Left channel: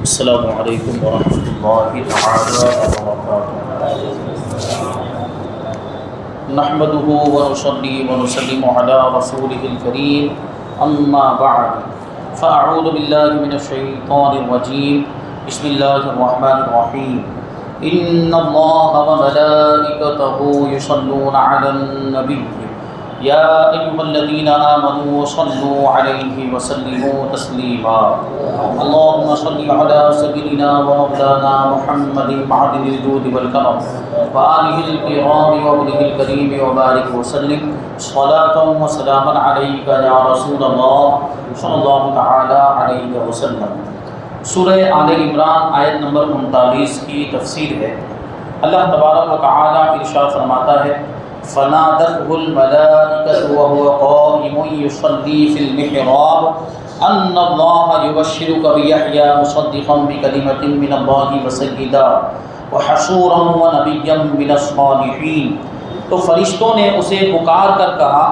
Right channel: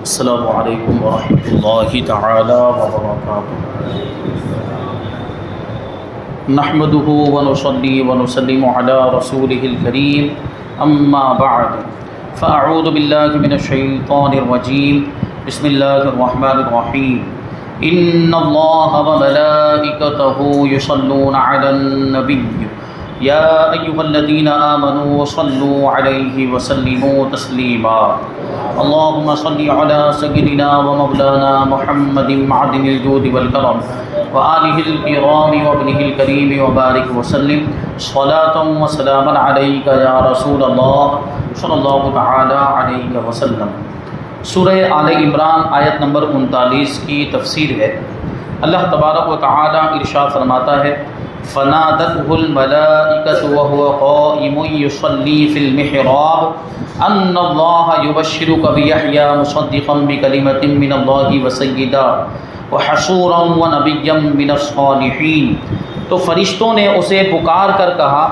السلام علیکم ورحمۃ اللہ تعالی وبرکاتہ۔ نحمده ونصلي ونسلم على رسوله الكريم اما بعد فاعوذ باللہ من الشیطان الرجیم بسم اللہ الرحمن الرحیم ان اللہ وملائکته یصلون علی النبی یا ایھا الذین آمنوا صلوا علیہ وسلموا تسلیما اللهم صل على سيدنا ومولانا محمد معدن الجود والكرم وآله الكرام وابنه الكريم وبارك وسلم صلاة وسلاما عليك يا رسول الله صلی اللہ تعالی علیہ وسلم۔ سورہ آل عمران آیت نمبر 39 کی تفسیر ہے۔ اللہ تبارک و تعالی ارشاد فرماتا ہے فنادته الملائکۃ وهو قائم یصلی فی المحراب ان اللہ یبشرک بیحیی مصدقا بکلمۃ من اللہ وسیدا وحصورا ونبیا من الصالحین۔ تو فرشتوں نے اسے پکار کر کہا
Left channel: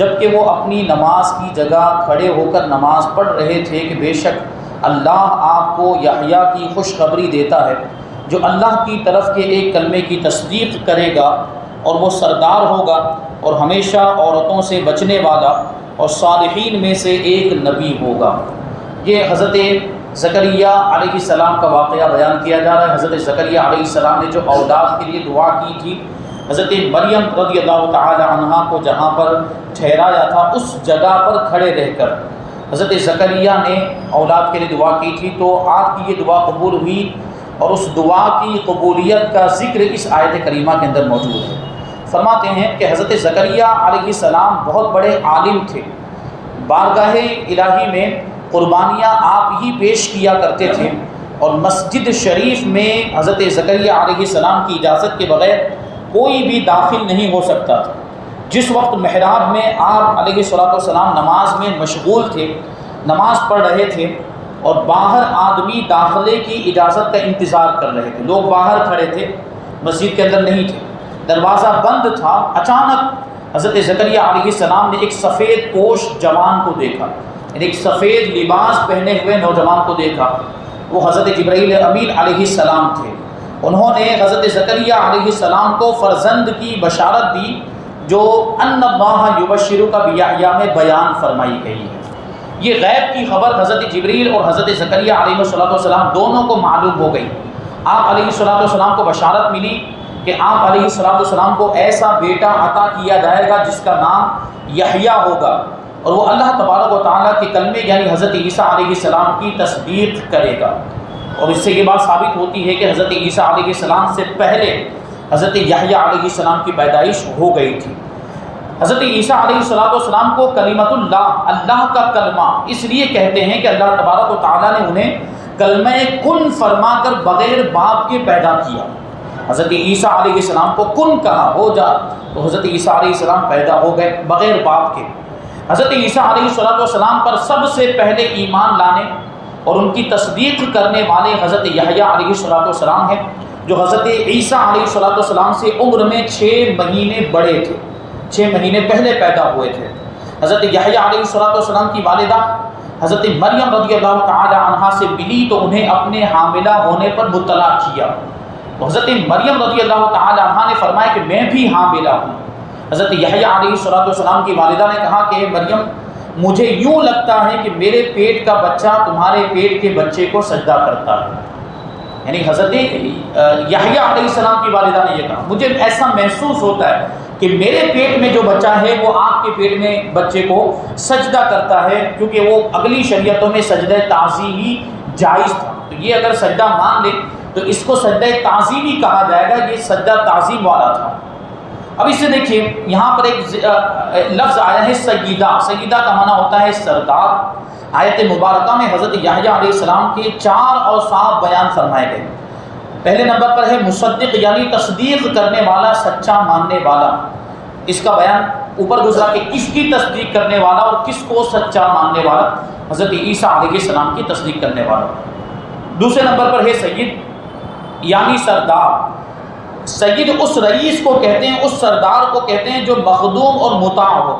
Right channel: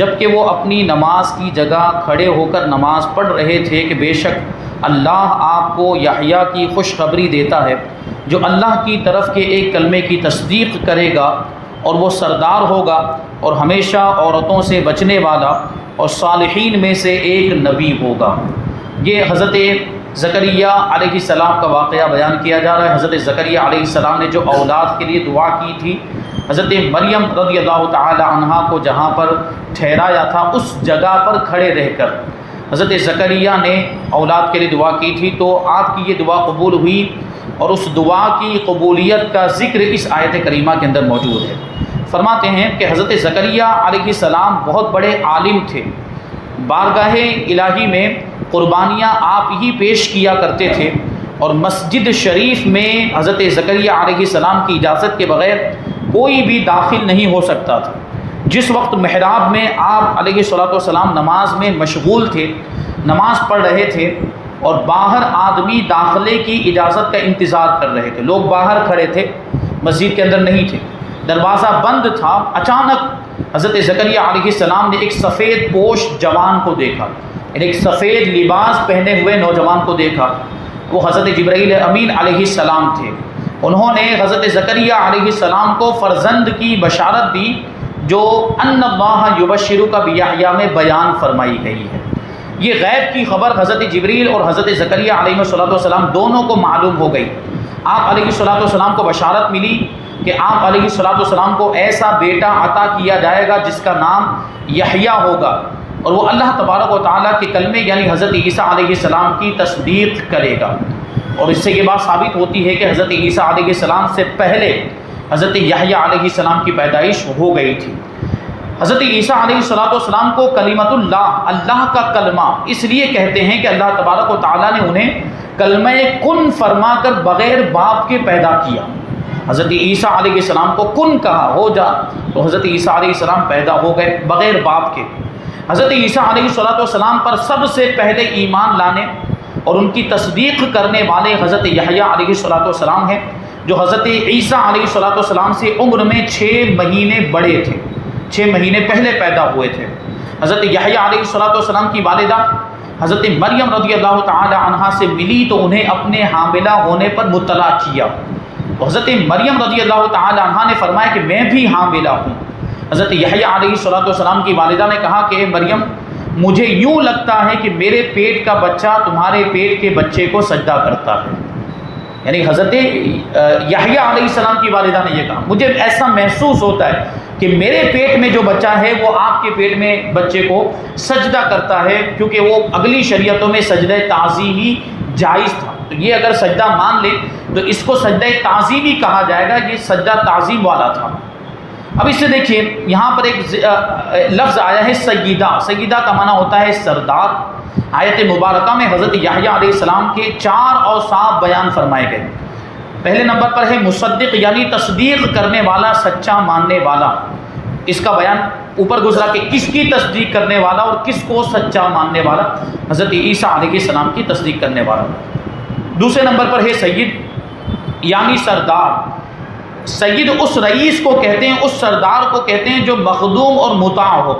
جبکہ وہ اپنی نماز کی جگہ کھڑے ہو کر نماز پڑھ رہے تھے کہ بے شک اللہ آپ کو یحییٰ کی خوشخبری دیتا ہے جو اللہ کی طرف کے ایک کلمے کی تصدیق کرے گا اور وہ سردار ہوگا اور ہمیشہ عورتوں سے بچنے والا اور صالحین میں سے ایک نبی ہوگا۔ یہ حضرت زکریا علیہ السلام کا واقعہ بیان کیا جا رہا ہے۔ حضرت زکریا علیہ السلام نے جو اولاد کے لیے دعا کی تھی، حضرت مریم رضی اللہ تعالی عنہا کو جہاں پر ٹھہرایا تھا اس جگہ پر کھڑے رہ کر حضرت زکریا نے اولاد کے لیے دعا کی تھی، تو آپ کی یہ دعا قبول ہوئی اور اس دعا کی قبولیت کا ذکر اس آیت کریمہ کے اندر موجود ہے۔ فرماتے ہیں کہ حضرت زکریا علیہ السلام بہت بڑے عالم تھے، بارگاہ الہی میں قربانیاں آپ ہی پیش کیا کرتے تھے اور مسجد شریف میں حضرت زکریا علیہ السلام کی اجازت کے بغیر کوئی بھی داخل نہیں ہو سکتا تھا۔ جس وقت محراب میں آپ علیہ السلام نماز میں مشغول تھے، نماز پڑھ رہے تھے اور باہر آدمی داخلے کی اجازت کا انتظار کر رہے تھے، لوگ باہر کھڑے تھے، مسجد کے اندر نہیں تھے، دروازہ بند تھا۔ اچانک حضرت زکریا علیہ السلام نے ایک سفید پوش جوان کو دیکھا، یعنی ایک سفید لباس پہنے ہوئے نوجوان کو دیکھا۔ وہ حضرت جبرائیل امین علیہ السلام تھے۔ انہوں نے حضرت زکریا علیہ السلام کو فرزند کی بشارت دی جو ان اللہ یبشرک بیحییٰ میں بیان فرمائی گئی ہے۔ یہ غیب کی خبر حضرت جبریل اور حضرت زکریا علیہ السلام دونوں کو معلوم ہو گئی۔ آپ علیہ السلام کو بشارت ملی کہ آپ علیہ السلام کو ایسا بیٹا عطا کیا جائے گا جس کا نام یحییٰ ہوگا اور وہ اللہ تبارک و تعالیٰ کے کلمے یعنی حضرت عیسیٰ علیہ السلام کی تصدیق کرے گا۔ اور اس سے یہ بات ثابت ہوتی ہے کہ حضرت عیسیٰ علیہ السلام سے پہلے حضرت یحییٰ علیہ السلام کی پیدائش ہو گئی تھی۔ حضرت عیسیٰ علیہ السلام کو کلمۃ اللہ، اللہ کا کلمہ اس لیے کہتے ہیں کہ اللہ تبارک و تعالیٰ نے انہیں کلمہ کن فرما کر بغیر باپ کے پیدا کیا۔ حضرت عیسیٰ علیہ السلام کو کن کہا، ہو جا، تو حضرت عیسیٰ علیہ السلام پیدا ہو گئے بغیر باپ کے۔ حضرت عیسیٰ علیہ السلام پر سب سے پہلے ایمان لانے اور ان کی تصدیق کرنے والے حضرت یحییٰ علیہ السلام ہیں، جو حضرت عیسیٰ علیہ السلام سے عمر میں 6 مہینے بڑے تھے، 6 مہینے پہلے پیدا ہوئے تھے۔ حضرت یحییٰ علیہ السلام کی والدہ حضرت مریم رضی اللہ تعالی عنہا سے ملی تو انہیں اپنے حاملہ ہونے پر مطلع کیا۔ تو حضرت مریم رضی اللہ تعالی عنہا نے فرمایا کہ میں بھی حاملہ ہوں۔ حضرت یحییٰ علیہ السلام کی والدہ نے کہا کہ اے مریم، مجھے یوں لگتا ہے کہ میرے پیٹ کا بچہ تمہارے پیٹ کے بچے کو سجدہ کرتا ہے۔ یعنی حضرت یحییٰ علیہ السلام کی والدہ نے یہ کہا، مجھے ایسا محسوس ہوتا ہے کہ میرے پیٹ میں جو بچہ ہے وہ آپ کے پیٹ میں بچے کو سجدہ کرتا ہے، کیونکہ وہ اگلی شریعتوں میں سجدہ تعظیمی جائز تھا۔ تو یہ اگر سجدہ مان لے تو اس کو سجدہ تعظیمی کہا جائے گا، یہ سجدہ تعظیم والا تھا۔ اب اس سے دیکھیے یہاں پر ایک لفظ آیا ہے سیدہ۔ سیدہ کا معنی ہوتا ہے سردار۔ آیت مبارکہ میں حضرت یحییٰ علیہ السلام کے 4 اوصاف بیان فرمائے گئے۔ پہلے نمبر پر ہے مصدق، یعنی تصدیق کرنے والا، سچا ماننے والا۔ اس کا بیان اوپر گزرا کہ کس کی تصدیق کرنے والا اور کس کو سچا ماننے والا، حضرت عیسیٰ علیہ السلام کی تصدیق کرنے والا۔ دوسرے نمبر پر ہے سید، یعنی سردار۔ سید اس رئیس کو کہتے ہیں، اس سردار کو کہتے ہیں جو مخدوم اور مطاع ہو،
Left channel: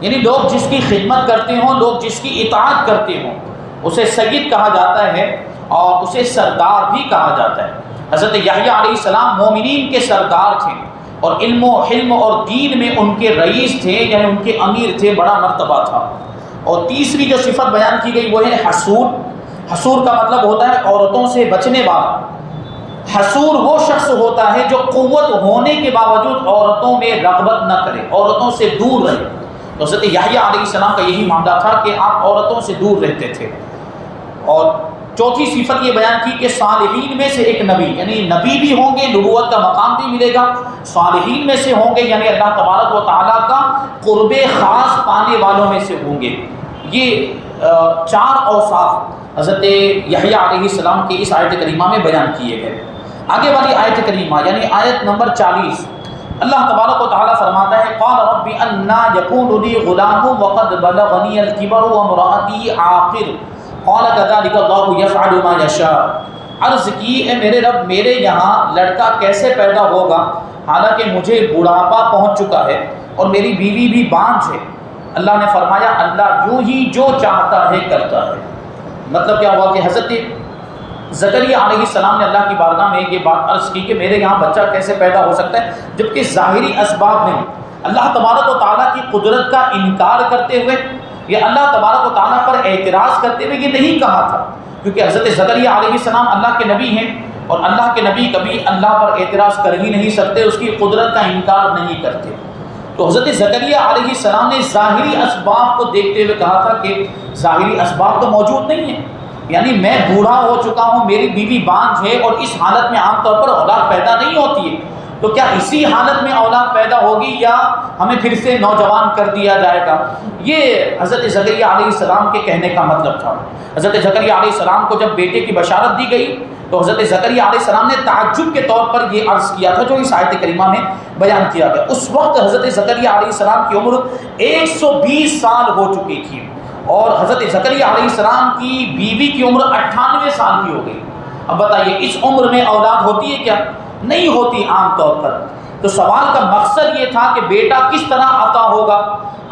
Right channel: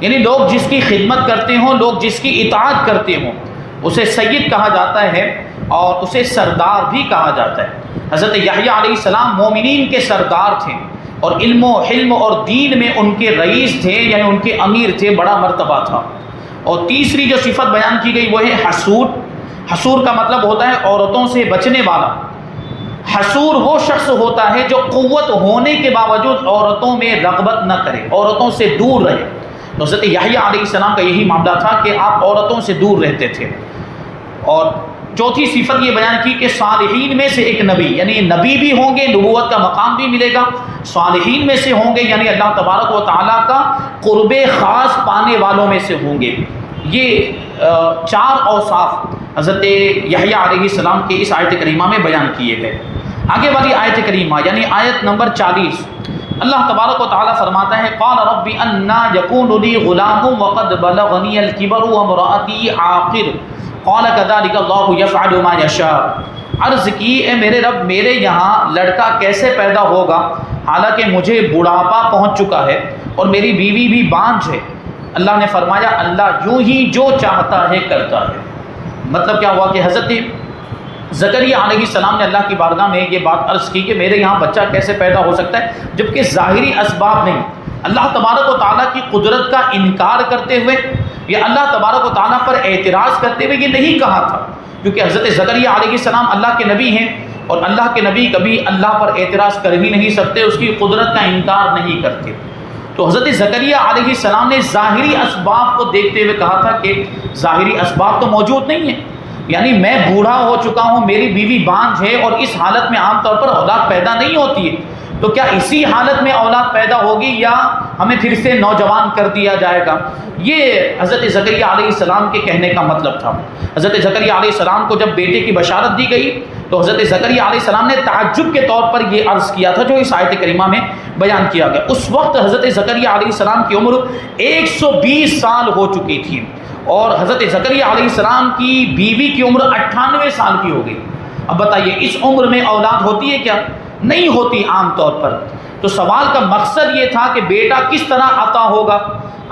یعنی لوگ جس کی خدمت کرتے ہوں، لوگ جس کی اطاعت کرتے ہوں، اسے سید کہا جاتا ہے۔ اور اسے سردار بھی کہا جاتا ہے۔ حضرت یحییٰ علیہ السلام مومنین کے سردار تھے اور علم و حلم اور دین میں ان کے رئیس تھے، یعنی ان کے امیر تھے، بڑا مرتبہ تھا۔ اور تیسری جو صفت بیان کی گئی وہ ہے حسود۔ حسود کا مطلب ہوتا ہے عورتوں سے بچنے والا۔ حسود وہ شخص ہوتا ہے جو قوت ہونے کے باوجود عورتوں میں رغبت نہ کرے، عورتوں سے دور رہے۔ حضرت یحییٰ علیہ السلام کا یہی معاملہ تھا کہ آپ عورتوں سے دور رہتے تھے۔ اور چوتھی صفت یہ بیان کی کہ صالحین میں سے ایک نبی، یعنی نبی بھی ہوں گے، نبوت کا مقام بھی ملے گا، صالحین میں سے ہوں گے، یعنی اللہ تبارک و تعالیٰ کا قرب خاص پانے والوں میں سے ہوں گے۔ یہ چار اوصاف حضرت یحییٰ علیہ السلام کے اس آیت کریمہ میں بیان کیے گئے۔ آگے والی آیت کریمہ یعنی آیت نمبر 40، اللہ تبارک و تعالیٰ فرماتا ہے قال رب انا یکون لی غلام وقد بلغنی الکبر وامرأتی عاقر قال کذلک اللہ یفعل ما یشاء۔ عرض کی اے میرے رب، میرے یہاں لڑکا کیسے پیدا ہوگا حالانکہ مجھے بڑھاپا پہنچ چکا ہے اور میری بیوی بھی بانجھ ہے۔ اللہ نے فرمایا اللہ یوں ہی جو چاہتا ہے کرتا ہے۔ مطلب کیا ہوا کہ حضرت زکریا علیہ السلام نے اللہ کی بارگاہ میں یہ بات عرض کی کہ میرے یہاں بچہ کیسے پیدا ہو سکتا ہے جبکہ ظاہری اسباب نہیں۔ اللہ تبارک و تعالیٰ کی قدرت کا انکار کرتے ہوئے یا اللہ تبارک و تعالیٰ پر اعتراض کرتے ہوئے یہ نہیں کہا تھا، کیونکہ حضرت زکریا علیہ السلام اللہ کے نبی ہیں اور اللہ کے نبی کبھی اللہ پر اعتراض کر ہی نہیں سکتے، اس کی قدرت کا انکار نہیں کرتے۔ تو حضرت زکریا علیہ السلام نے ظاہری اسباب کو دیکھتے ہوئے کہا تھا کہ ظاہری اسباب تو موجود نہیں ہیں، یعنی میں بوڑھا ہو چکا ہوں، میری بیوی بانجھ ہے اور اس حالت میں عام طور پر اولاد پیدا نہیں ہوتی ہے، تو کیا اسی حالت میں اولاد پیدا ہوگی یا ہمیں پھر سے نوجوان کر دیا جائے گا؟ یہ حضرت زکریا علیہ السلام کے کہنے کا مطلب تھا۔ حضرت زکریا علیہ السلام کو جب بیٹے کی بشارت دی گئی تو حضرت زکریا علیہ السلام نے تعجب کے طور پر یہ عرض کیا تھا جو اس آیت کریمہ میں بیان کیا گیا۔ اس وقت حضرت زکریا علیہ السلام کی عمر 120 سال ہو چکی تھی اور حضرت زکریا علیہ السلام کی بیوی کی عمر 98 سال کی ہو گئی۔ اب بتائیے اس عمر میں اولاد ہوتی ہے کیا؟ نہیں ہوتی عام طور پر۔ تو سوال کا مقصد یہ تھا کہ بیٹا کس طرح عطا ہوگا؟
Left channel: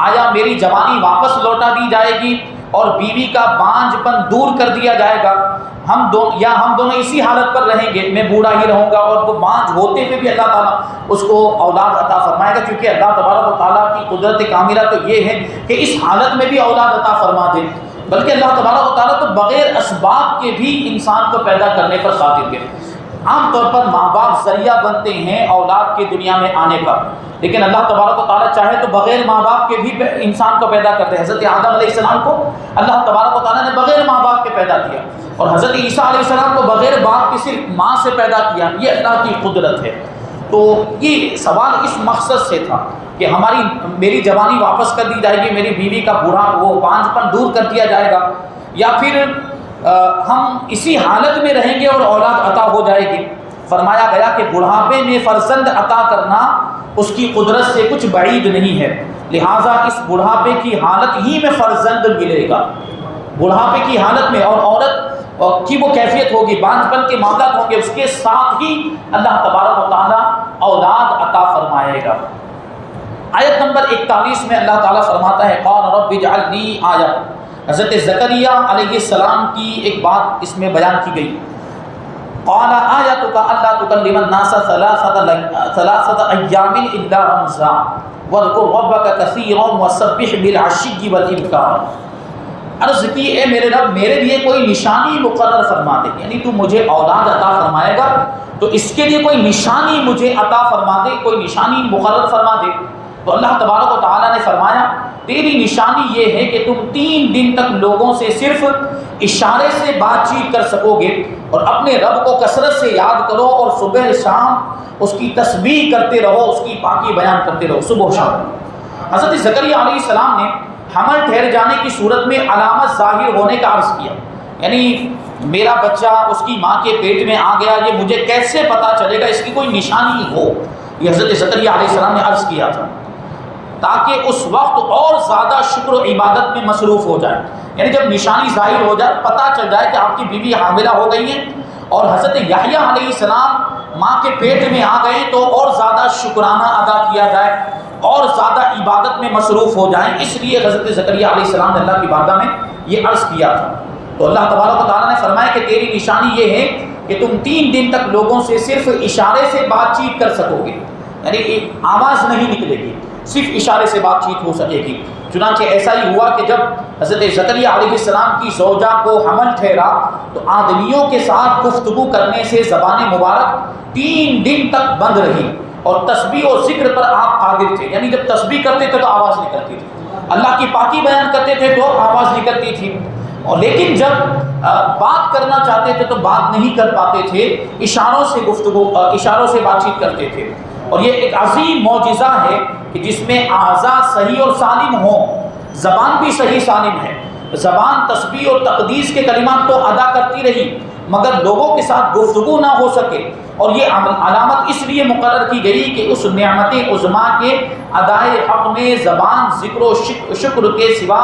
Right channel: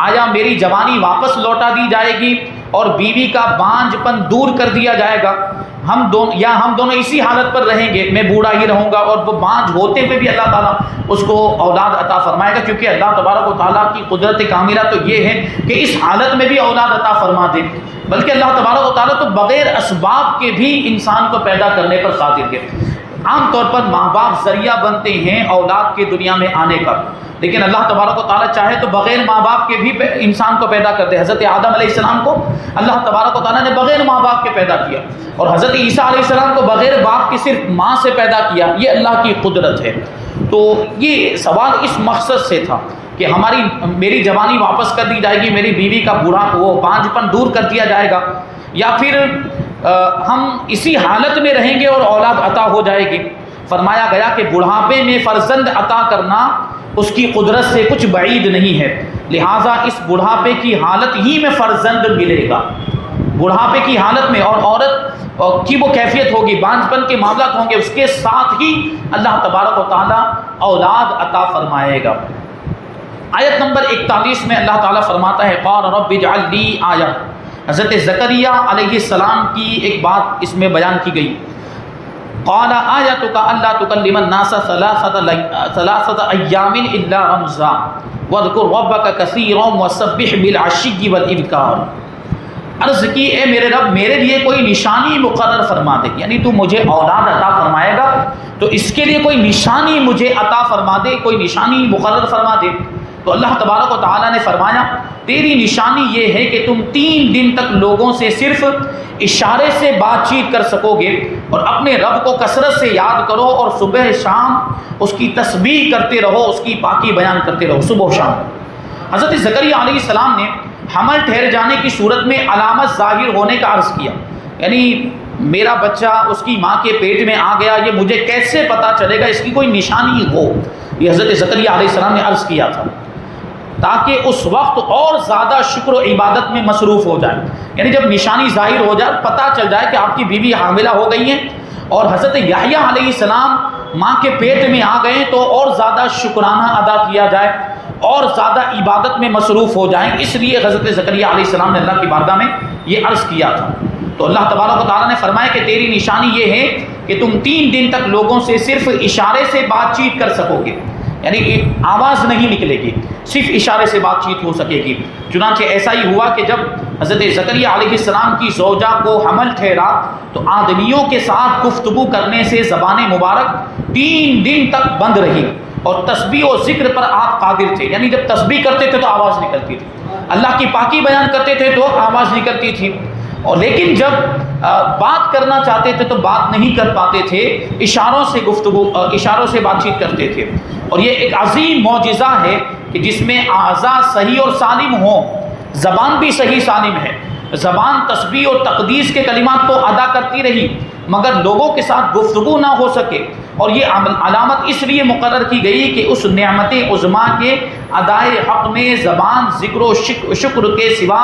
آیا میری جوانی واپس لوٹا دی جائے گی اور بیوی کا بانجھ پن دور کر دیا جائے گا؟ ہم دونوں اسی حالت پر رہیں گے، میں بوڑھا ہی رہوں گا اور وہ بانجھ ہوتے ہوئے بھی اللہ تعالیٰ اس کو اولاد عطا فرمائے گا، کیونکہ اللہ تبارک و تعالیٰ کی قدرت کاملہ تو یہ ہے کہ اس حالت میں بھی اولاد عطا فرما دے، بلکہ اللہ تبارک و تعالیٰ تو بغیر اسباب کے بھی انسان کو پیدا کرنے پر قادر ہے۔ عام طور پر ماں باپ ذریعہ بنتے ہیں اولاد کے دنیا میں آنے کا، لیکن اللہ تبارک و تعالیٰ چاہے تو بغیر ماں باپ کے بھی انسان کو پیدا کرتے ہیں۔ حضرت آدم علیہ السلام کو اللہ تبارک و تعالیٰ نے بغیر ماں باپ کے پیدا کیا اور حضرت عیسیٰ علیہ السلام کو بغیر باپ کے صرف ماں سے پیدا کیا، یہ اللہ کی قدرت ہے۔ تو یہ سوال اس مقصد سے تھا کہ میری جوانی واپس کر دی جائے گی، میری بیوی کا بوڑھا وہ بانجھ پن دور کر دیا جائے گا، یا پھر ہم اسی حالت میں رہیں گے اور اولاد عطا ہو جائے گی۔ فرمایا گیا کہ بڑھاپے میں فرزند عطا کرنا اس کی قدرت سے کچھ بعید نہیں ہے، لہٰذا اس بڑھاپے کی حالت ہی میں فرزند ملے گا۔ بڑھاپے کی حالت میں اور عورت کی وہ کیفیت ہوگی، بانجھ پن کے معاملات ہوں گے، اس کے ساتھ ہی اللہ تبارک و تعالیٰ اولاد عطا فرمائے گا۔ آیت نمبر 41 میں اللہ تعالیٰ فرماتا ہے قال رب اجعل لی آیہ۔ حضرت زکریا علیہ السلام کی ایک بات اس میں بیان کی گئی، قال آیتک الا تکلم الناس ثلاثة ایام الا رمزا واذکر ربک کثیرا وسبح بالعشی والابکار۔ عرض کی اے میرے رب، میرے لیے کوئی نشانی مقرر فرما دے، یعنی تو مجھے اولاد عطا فرمائے گا تو اس کے لیے کوئی نشانی مجھے عطا فرما دے، کوئی نشانی مقرر فرما دے۔ تو اللہ تبارک و تعالیٰ نے فرمایا تیری نشانی یہ ہے کہ تم 3 دن تک لوگوں سے صرف اشارے سے بات چیت کر سکو گے اور اپنے رب کو کثرت سے یاد کرو اور صبح شام اس کی تسبیح کرتے رہو، اس کی پاکی بیان کرتے رہو صبح و شام۔ حضرت زکریا علیہ السلام نے حمل ٹھہر جانے کی صورت میں علامت ظاہر ہونے کا عرض کیا، یعنی میرا بچہ اس کی ماں کے پیٹ میں آ گیا، یہ مجھے کیسے پتا چلے گا، اس کی کوئی نشانی ہو، یہ حضرت زکریا علیہ السلام نے عرض کیا تھا تاکہ اس وقت اور زیادہ شکر و عبادت میں مصروف ہو جائے، یعنی جب نشانی ظاہر ہو جائے، پتہ چل جائے کہ آپ کی بیوی حاملہ ہو گئی ہے اور حضرت یحییٰ علیہ السلام ماں کے پیٹ میں آ گئے تو اور زیادہ شکرانہ ادا کیا جائے اور زیادہ عبادت میں مصروف ہو جائیں۔ اس لیے حضرت زکریا علیہ السلام نے اللہ کی بارگاہ میں یہ عرض کیا تھا۔ تو اللہ تبارک و تعالیٰ نے فرمایا کہ تیری نشانی یہ ہے کہ تم 3 دن تک لوگوں سے صرف اشارے سے بات چیت کر سکو گے، یعنی آواز نہیں نکلے گی، صرف اشارے سے بات چیت ہو سکے گی۔ چنانچہ ایسا ہی ہوا کہ جب حضرت زکریا علیہ السلام کی زوجہ کو حمل ٹھہرا تو آدمیوں کے ساتھ گفتگو کرنے سے زبان مبارک 3 دن تک بند رہی، اور تسبیح و ذکر پر آپ قادر تھے، یعنی جب تسبیح کرتے تھے تو آواز نکلتی تھی، اللہ کی پاکی بیان کرتے تھے تو آواز نکلتی تھی، اور لیکن جب بات کرنا چاہتے تھے تو بات نہیں کر پاتے تھے، اشاروں سے گفتگو، اشاروں سے بات چیت کرتے تھے۔ اور یہ ایک عظیم معجزہ ہے کہ جس میں اعضاء صحیح اور سالم ہوں، زبان بھی صحیح سالم ہے، زبان تسبیح اور تقدیس کے کلمات تو ادا کرتی رہی مگر لوگوں کے ساتھ گفتگو نہ ہو سکے، اور یہ علامت اس لیے مقرر کی گئی کہ اس نعمت عظمیٰ کے ادائے حق میں زبان ذکر و شکر کے سوا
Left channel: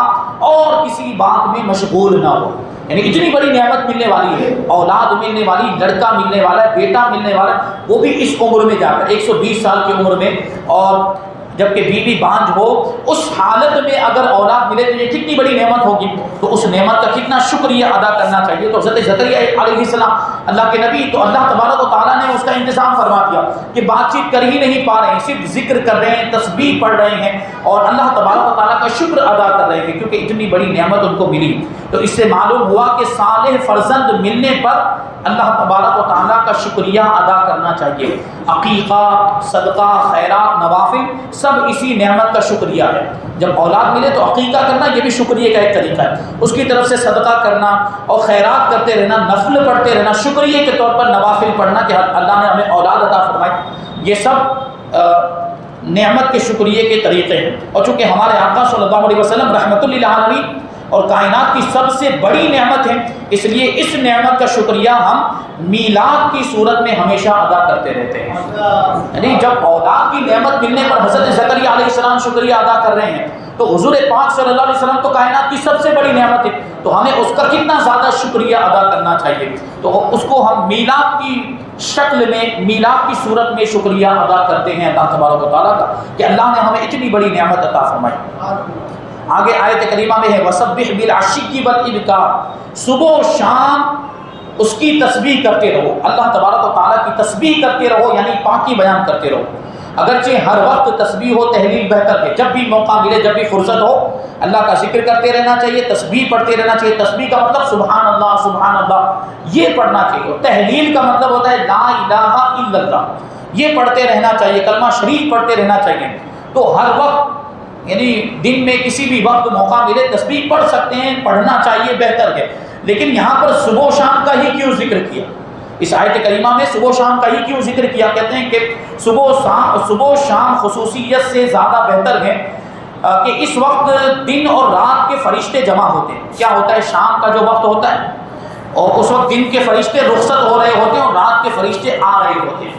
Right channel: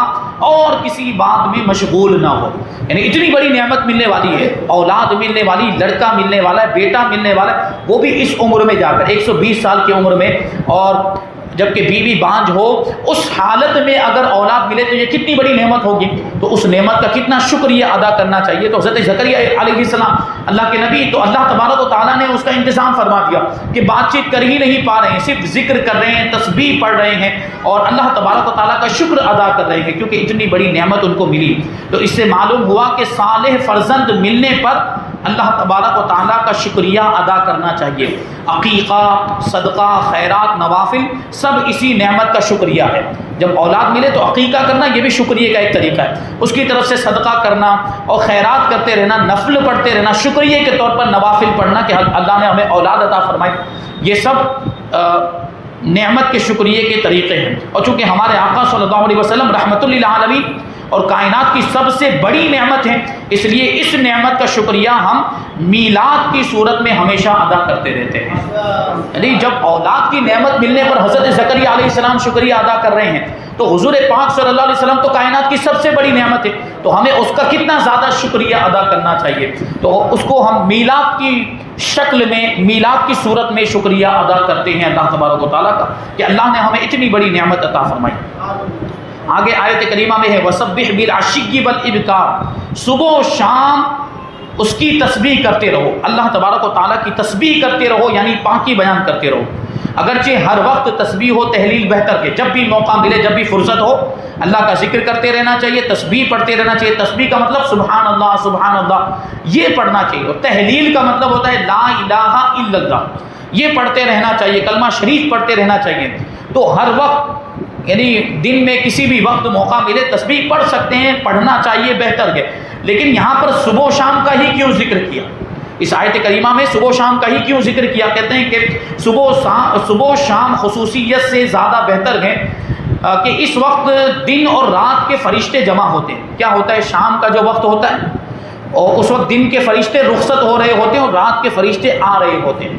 اور کسی بات میں مشغول نہ ہو۔ یعنی اتنی بڑی نعمت ملنے والی ہے، اولاد ملنے والی، لڑکا ملنے والا ہے، بیٹا ملنے والا ہے، وہ بھی اس عمر میں جا کر 120 سال کی عمر میں، اور جبکہ بیوی بانجھ ہو، اس حالت میں اگر اولاد ملے تو یہ کتنی بڑی نعمت ہوگی، تو اس نعمت کا کتنا شکریہ ادا کرنا چاہیے۔ تو حضرت زکریا علیہ السلام اللہ کے نبی، تو اللہ تبارک و تعالیٰ نے اس کا انتظام فرما دیا کہ بات چیت کر ہی نہیں پا رہے ہیں، صرف ذکر کر رہے ہیں، تسبیح پڑھ رہے ہیں اور اللہ تبارک و تعالیٰ کا شکر ادا کر رہے ہیں کیونکہ اتنی بڑی نعمت ان کو ملی۔ تو اس سے معلوم ہوا کہ صالح فرزند ملنے پر اللہ تبارک و تعالیٰ کا شکریہ ادا کرنا چاہیے۔ عقیقہ، صدقہ، خیرات، نوافل سب اسی نعمت کا شکریہ ہے۔ جب اولاد ملے تو عقیقہ کرنا یہ بھی شکریہ کا ایک طریقہ ہے، اس کی طرف سے صدقہ کرنا اور خیرات کرتے رہنا، نفل پڑھتے رہنا، شکریہ کے طور پر نوافل پڑھنا کہ اللہ نے ہمیں اولاد عطا فرمائی، یہ سب نعمت کے شکریہ کے طریقے ہیں۔ اور چونکہ ہمارے آقا صلی اللہ علیہ وسلم رحمۃ للعالمین اور کائنات کی سب سے بڑی نعمت ہے، اس لیے اس نعمت کا شکریہ ہم میلاد کی صورت میں ہمیشہ ادا کرتے رہتے ہیں۔ یعنی جب اولاد کی نعمت ملنے پر حضرت زکریا علیہ السلام شکریہ ادا کر رہے ہیں تو حضور پاک صلی اللہ علیہ وسلم تو کائنات کی سب سے بڑی نعمت ہے، تو ہمیں اس کا کتنا زیادہ شکریہ ادا کرنا چاہیے۔ تو اس کو ہم میلاد کی شکل میں، میلاد کی صورت میں شکریہ ادا کرتے ہیں اللہ تبارک و تعالیٰ کا کہ اللہ نے ہمیں اتنی بڑی نعمت عطا فرمائی۔ آگے آیت کریمہ میں ہے وَسَبِّحْ بِالْعَشِيِّ وَالْإِبْكَارِ، صبح و شام اس کی تسبیح کرتے رہو، اللہ تبارک و تعالیٰ کی تسبیح کرتے رہو، یعنی پاکی بیان کرتے رہو۔ اگرچہ ہر وقت تسبیح و تحلیل بہتر ہے، جب بھی موقع ملے، جب بھی فرصت ہو اللہ کا ذکر کرتے رہنا چاہیے، تسبیح پڑھتے رہنا چاہیے۔ تسبیح کا مطلب سبحان اللہ سبحان اللہ یہ پڑھنا چاہیے، اور تحلیل کا مطلب ہوتا ہے لا الہ الا اللہ، یہ پڑھتے رہنا چاہیے، کلمہ شریف پڑھتے رہنا چاہیے۔ تو ہر وقت یعنی دن میں کسی بھی وقت موقع ملے تسبیح پڑھ سکتے ہیں، پڑھنا چاہیے، بہتر ہے۔ لیکن یہاں پر صبح و شام کا ہی کیوں ذکر کیا؟ اس آیت کریمہ میں صبح و شام کا ہی کیوں ذکر کیا؟ کہتے ہیں کہ صبح و شام خصوصیت سے زیادہ بہتر ہے کہ اس وقت دن اور رات کے فرشتے جمع ہوتے ہیں۔ کیا ہوتا ہے؟ شام کا جو وقت ہوتا ہے اور اس وقت دن کے فرشتے رخصت ہو رہے ہوتے ہیں اور رات کے فرشتے آ رہے ہوتے ہیں،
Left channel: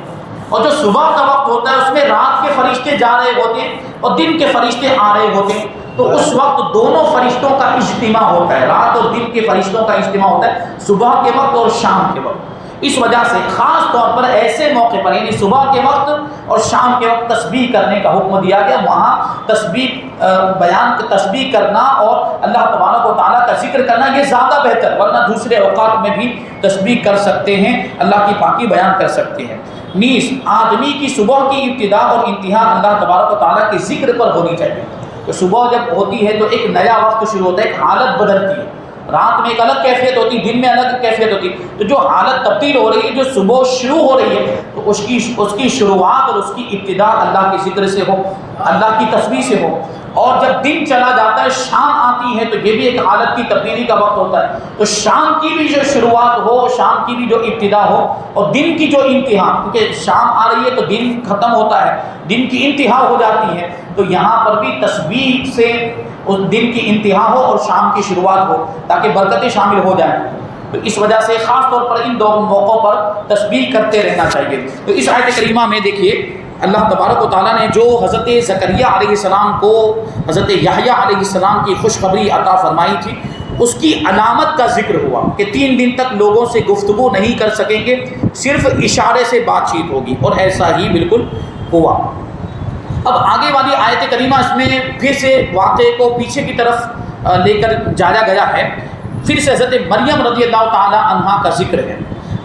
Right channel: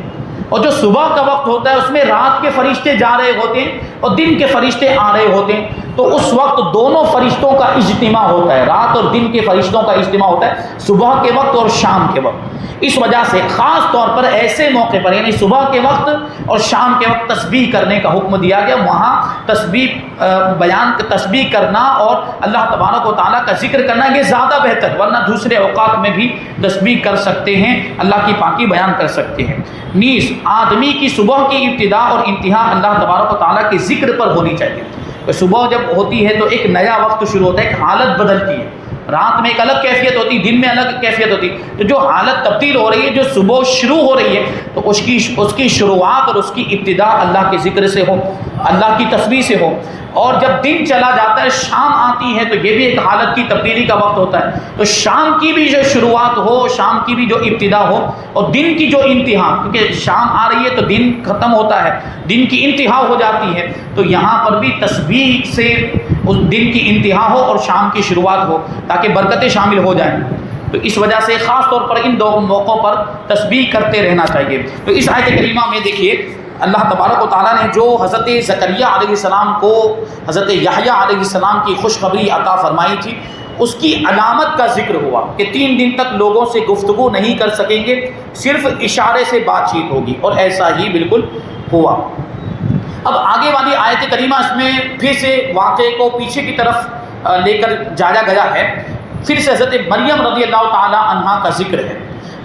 اور جو صبح کا وقت ہوتا ہے اس میں رات کے فرشتے جا رہے ہوتے ہیں اور دن کے فرشتے آ رہے ہوتے ہیں، تو اس وقت دونوں فرشتوں کا اجتماع ہوتا ہے، رات اور دن کے فرشتوں کا اجتماع ہوتا ہے، صبح کے وقت اور شام کے وقت۔ اس وجہ سے خاص طور پر ایسے موقع پر یعنی صبح کے وقت اور شام کے وقت تسبیح کرنے کا حکم دیا گیا۔ وہاں تسبیح کرنا اور اللہ تبارک و تعالیٰ کا ذکر کرنا یہ زیادہ بہتر، ورنہ دوسرے اوقات میں بھی تسبیح کر سکتے ہیں، اللہ کی پاکی بیان کر سکتے ہیں۔ نیز آدمی کی صبح کی ابتدا اور انتہا اللہ تبارک و تعالیٰ کے ذکر پر ہونی چاہیے۔ صبح جب ہوتی ہے تو ایک نیا وقت شروع ہوتا ہے، ایک حالت بدلتی ہے، رات میں ایک الگ کیفیت ہوتی، دن میں الگ کیفیت ہوتی، تو جو حالت تبدیل ہو رہی ہے، جو صبح شروع ہو رہی ہے، تو اس کی شروعات اور اس کی ابتدا اللہ کے ذکر سے ہو، اللہ کی تسبیح سے ہو۔ اور جب دن چلا جاتا ہے، شام آتی ہے، تو یہ بھی ایک حالت کی تبدیلی کا وقت ہوتا ہے، تو شام کی بھی جو شروعات ہو، شام کی بھی جو ابتدا ہو، اور دن کی جو انتہا، کیونکہ شام آ رہی ہے تو دن ختم ہوتا ہے، دن کی انتہا ہو جاتی ہے، تو یہاں پر بھی تسبیح سے اس دن کی انتہا ہو اور شام کی شروعات ہو تاکہ برکتیں شامل ہو جائیں۔ تو اس وجہ سے خاص طور پر ان دو موقعوں پر تسبیح کرتے رہنا چاہیے۔ تو اس آیت کریمہ میں دیکھیے اللہ تبارک و تعالیٰ نے جو حضرت زکریا علیہ السلام کو حضرت یحییٰ علیہ السلام کی خوشخبری عطا فرمائی تھی، اس کی علامت کا ذکر ہوا کہ 3 دن تک لوگوں سے گفتگو نہیں کر سکیں گے، صرف اشارے سے بات چیت ہوگی، اور ایسا ہی بالکل ہوا۔ اب آگے والی آیت کریمہ اس میں پھر سے واقعے کو پیچھے کی طرف لے کر جایا گیا ہے پھر سے حضرت مریم رضی اللہ تعالی عنہا کا ذکر ہے.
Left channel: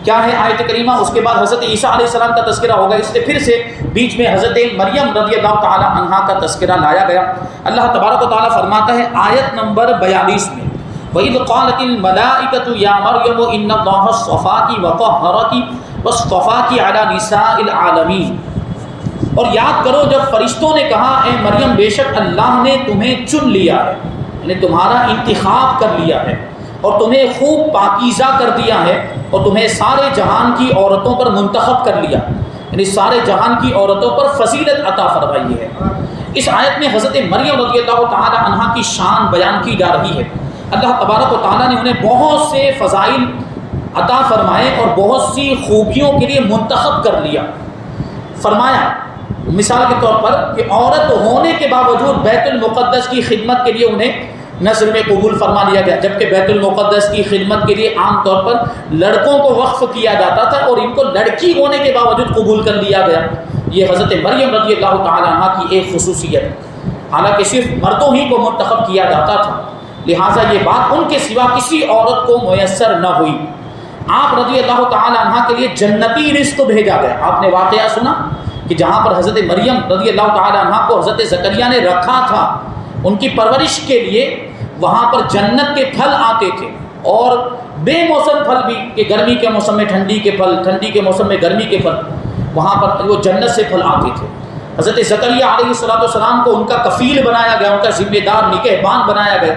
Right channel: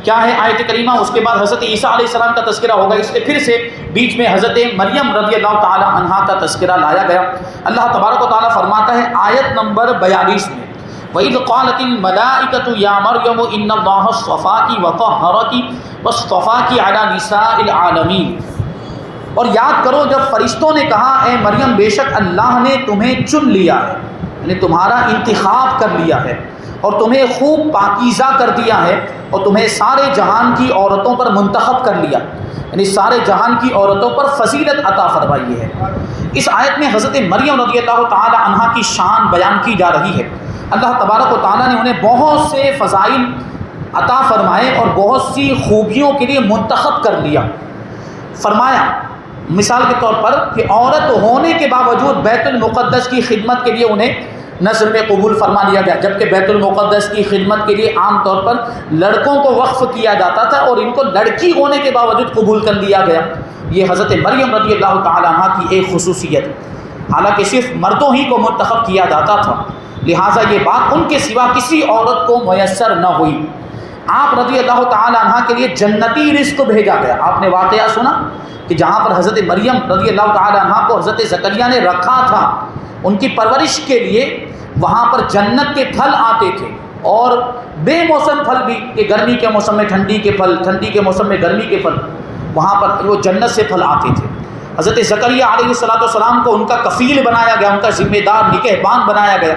کیا ہے آیت کریمہ؟ اس کے بعد حضرت عیسیٰ علیہ السلام کا تذکرہ ہوگا، اس سے پھر سے بیچ میں حضرت مریم رضی اللہ تعالی عنہا کا تذکرہ لایا گیا. اللہ تبارک و تعالیٰ فرماتا ہے آیت نمبر 42 میں وَإِذْ قَالَتِ الْمَلَائِكَةُ يَا مَرْيَمُ إِنَّ اللَّهَ اصْطَفَاكِ وَطَهَّرَكِ وَاصْطَفَاكِ عَلَى نِسَاءِ الْعَالَمِينَ. اور یاد کرو جب فرشتوں نے کہا اے مریم بے شک اللہ نے تمہیں چن لیا ہے، یعنی تمہارا انتخاب کر لیا ہے اور تمہیں خوب پاکیزہ کر دیا ہے اور تمہیں سارے جہان کی عورتوں پر منتخب کر لیا، یعنی سارے جہان کی عورتوں پر فضیلت عطا فرمائی ہے. اس آیت میں حضرت مریم رضی اللہ تعالی عنہا کی شان بیان کی جا رہی ہے. اللہ تبارک و تعالیٰ نے انہیں بہت سے فضائل عطا فرمائے اور بہت سی خوبیوں کے لیے منتخب کر لیا. فرمایا مثال کے طور پر کہ عورت ہونے کے باوجود بیت المقدس کی خدمت کے لیے انہیں نظر میں قبول فرما لیا گیا، جبکہ بیت المقدس کی خدمت کے لیے عام طور پر لڑکوں کو وقف کیا جاتا تھا اور ان کو لڑکی ہونے کے باوجود قبول کر لیا گیا. یہ حضرت مریم رضی اللہ تعالی عنہ کی ایک خصوصیت ہے. حالانکہ صرف مردوں ہی کو منتخب کیا جاتا تھا، لہٰذا یہ بات ان کے سوا کسی عورت کو میسر نہ ہوئی. آپ رضی اللہ تعالی عنہ کے لیے جنتی رزق بھیجا گیا. آپ نے واقعہ سنا کہ جہاں پر حضرت مریم رضی اللہ تعالی عنہ کو حضرت زکریا نے رکھا تھا ان کی پرورش کے لیے، وہاں پر جنت کے پھل آتے تھے اور بے موسم پھل بھی، کہ گرمی کے موسم میں ٹھنڈی کے پھل، ٹھنڈی کے موسم میں گرمی کے پھل، وہاں پر وہ جنت سے پھل آتے تھے. حضرت زکریا علیہ السلام کو ان کا کفیل بنایا گیا، ان کا ذمہ دار نگہبان بنایا گیا.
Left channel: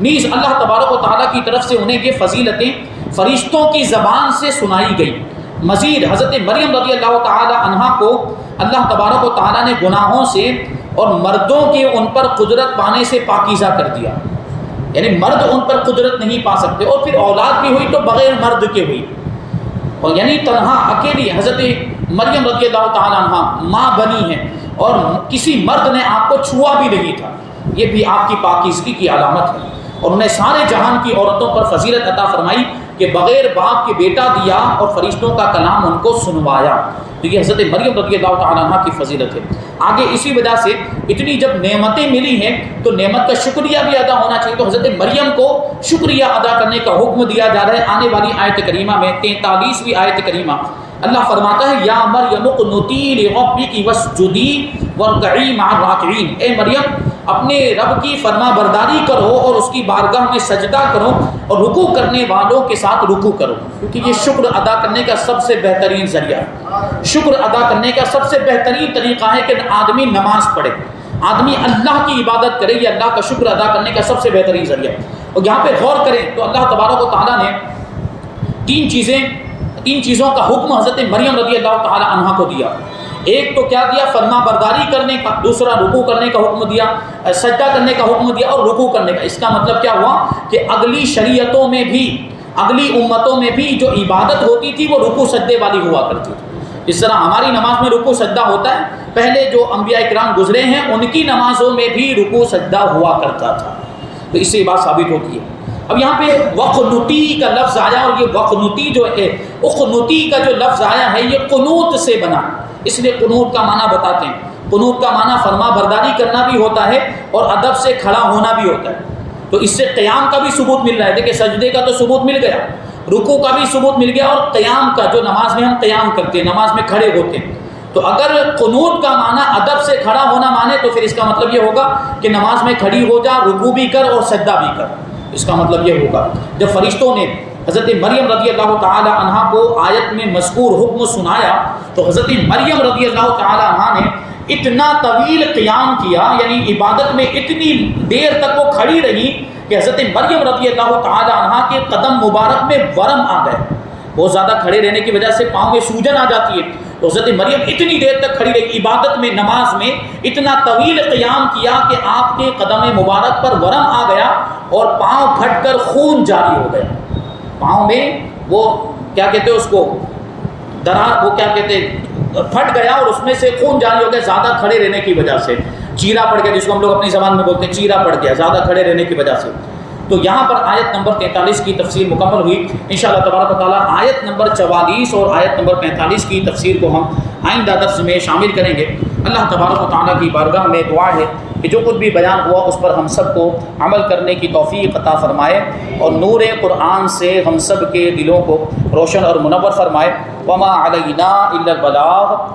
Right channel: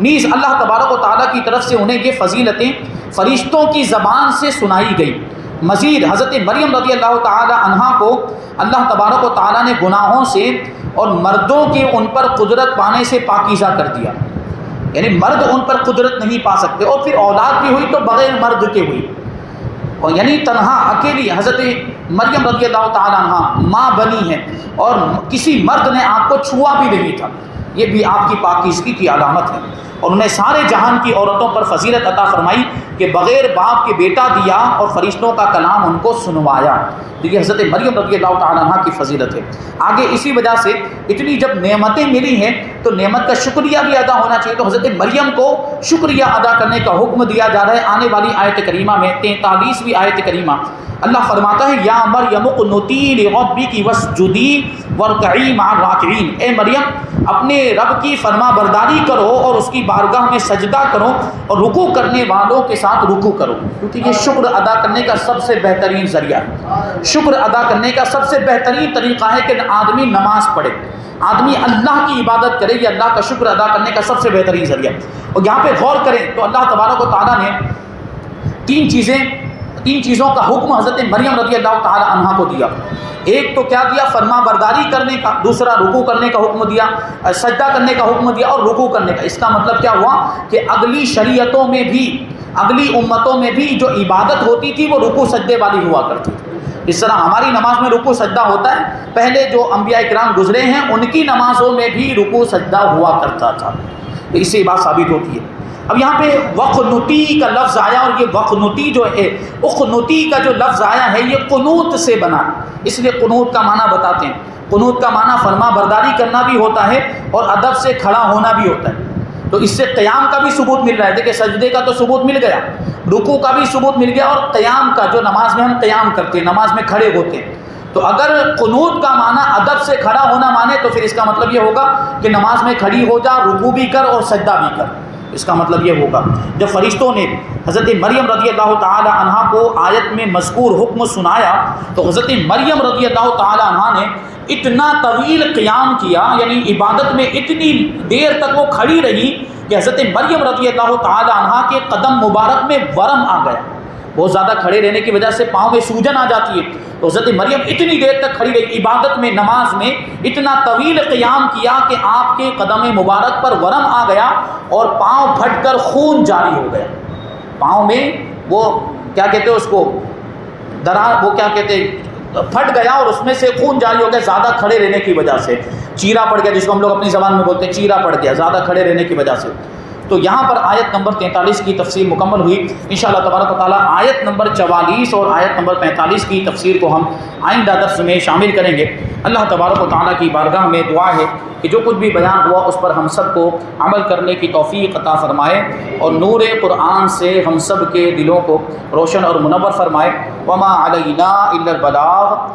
نیز اللہ تبارک و تعالیٰ کی طرف سے انہیں یہ فضیلتیں فرشتوں کی زبان سے سنائی گئی. مزید حضرت مریم رضی اللہ تعالی عنہا کو اللہ تبارک و تعالیٰ نے گناہوں سے اور مردوں کے ان پر قدرت پانے سے پاکیزہ کر دیا، یعنی مرد ان پر قدرت نہیں پا سکتے. اور پھر اولاد بھی ہوئی تو بغیر مرد کے ہوئی، اور یعنی تنہا اکیلی حضرت مریم رضی اللہ تعالی عنہ ماں بنی ہے اور کسی مرد نے آپ کو چھوا بھی نہیں تھا. یہ بھی آپ کی پاکیزگی کی علامت ہے. اور انہیں سارے جہان کی عورتوں پر فضیلت عطا فرمائی کہ بغیر باپ کے بیٹا دیا اور فرشتوں کا کلام ان کو سنوایا. تو یہ حضرت مریم رضی اللہ تعالیٰ عنہ کی فضیلت ہے. آگے اسی وجہ سے اتنی جب نعمتیں ملی ہیں تو نعمت کا شکریہ بھی ادا ہونا چاہیے. تو حضرت مریم کو شکریہ ادا کرنے کا حکم دیا جا رہا ہے. آنے والی آیت کریمہ میں 43ویں آیت کریمہ اللہ فرماتا ہے یا مریم اقنتی لربک واسجدی وارکعی مع الراکعین. اے مریم اپنے رب کی فرما برداری کرو اور اس کی بارگاہ میں سجدہ کرو اور رکوع کرنے والوں کے ساتھ رکوع کرو، کیونکہ یہ شکر ادا کرنے کا سب سے بہترین ذریعہ ہے. شکر ادا کرنے کا سب سے بہترین طریقہ ہے کہ آدمی نماز پڑھے، آدمی اللہ کی عبادت کرے. یہ اللہ کا شکر ادا کرنے کا سب سے بہترین ذریعہ. اور یہاں پہ غور کریں تو اللہ تبارک و تعالیٰ نے تین چیزوں کا حکم حضرت مریم رضی اللہ تعالی عنہ کو دیا. ایک تو کیا دیا؟ فرما برداری کرنے کا. دوسرا رکوع کرنے کا حکم دیا، سجدہ کرنے کا حکم دیا اور رکوع کرنے کا. اس کا مطلب کیا ہوا کہ اگلی شریعتوں میں بھی، اگلی امتوں میں بھی جو عبادت ہوتی تھی وہ رکوع سجدے والی ہوا کرتی تھی. اس طرح ہماری نماز میں رکوع سجدہ ہوتا ہے، پہلے جو انبیاء کرام گزرے ہیں ان کی نمازوں میں بھی رکوع سجدہ ہوا کرتا تھا. تو اس سے یہ بات ثابت ہوتی ہے. اب یہاں پہ وقنوتی کا لفظ آیا اور یہ وقنوتی جو ہے، اقنوتی کا جو لفظ آیا ہے یہ قنوت سے بنا، اس لیے قنوت کا معنی بتاتے ہیں. قنوت کا معنی فرما برداری کرنا بھی ہوتا ہے اور ادب سے کھڑا ہونا بھی ہوتا ہے. تو اس سے قیام کا بھی ثبوت مل رہا ہے. دیکھیں سجدے کا تو ثبوت مل گیا، رکوع کا بھی ثبوت مل گیا، اور قیام کا جو نماز میں ہم قیام کرتے ہیں، نماز میں کھڑے ہوتے ہیں. تو اگر قنوت کا معنی ادب سے کھڑا ہونا مانے تو پھر اس کا مطلب یہ ہوگا کہ نماز میں کھڑی ہو جا، رکوع بھی کر اور سجدہ بھی کر. اس کا مطلب یہ ہوگا. جب فرشتوں نے حضرت مریم رضی اللہ تعالی عنہ کو آیت میں مذکور حکم سنایا تو حضرت مریم رضی اللہ تعالی عنہ نے اتنا طویل قیام کیا، یعنی عبادت میں اتنی دیر تک وہ کھڑی رہی کہ حضرت مریم رضی اللہ تعالی عنہ کے قدم مبارک میں ورم آ گئے. بہت زیادہ کھڑے رہنے کی وجہ سے پاؤں میں سوجن آ جاتی ہے. تو حضرت مریم اتنی دیر تک کھڑی رہی عبادت میں، نماز میں اتنا طویل قیام کیا کہ آپ کے قدم مبارک پر ورم آ گیا اور پاؤں پھٹ کر خون جاری ہو گیا. پاؤں میں وہ کیا کہتے ہیں اس کو، درار، وہ کیا کہتے ہیں، پھٹ گیا اور اس میں سے خون جاری ہو گیا زیادہ کھڑے رہنے کی وجہ سے. چیرا پڑ گیا، جس کو ہم لوگ اپنی زبان میں بولتے ہیں چیرا پڑ گیا زیادہ کھڑے رہنے کی وجہ سے. تو یہاں پر آیت نمبر 43 کی تفسیر مکمل ہوئی. انشاءاللہ تبارک و تعالیٰ آیت نمبر 44 اور آیت نمبر 45 کی تفسیر کو ہم آئندہ درس میں شامل کریں گے. اللہ تبارک و تعالیٰ کی بارگاہ میں دعا ہے کہ جو کچھ بھی بیان ہوا اس پر ہم سب کو عمل کرنے کی توفیق عطا فرمائے اور نور قرآن سے ہم سب کے دلوں کو روشن اور منور فرمائے۔ وما علینا الا البلاغ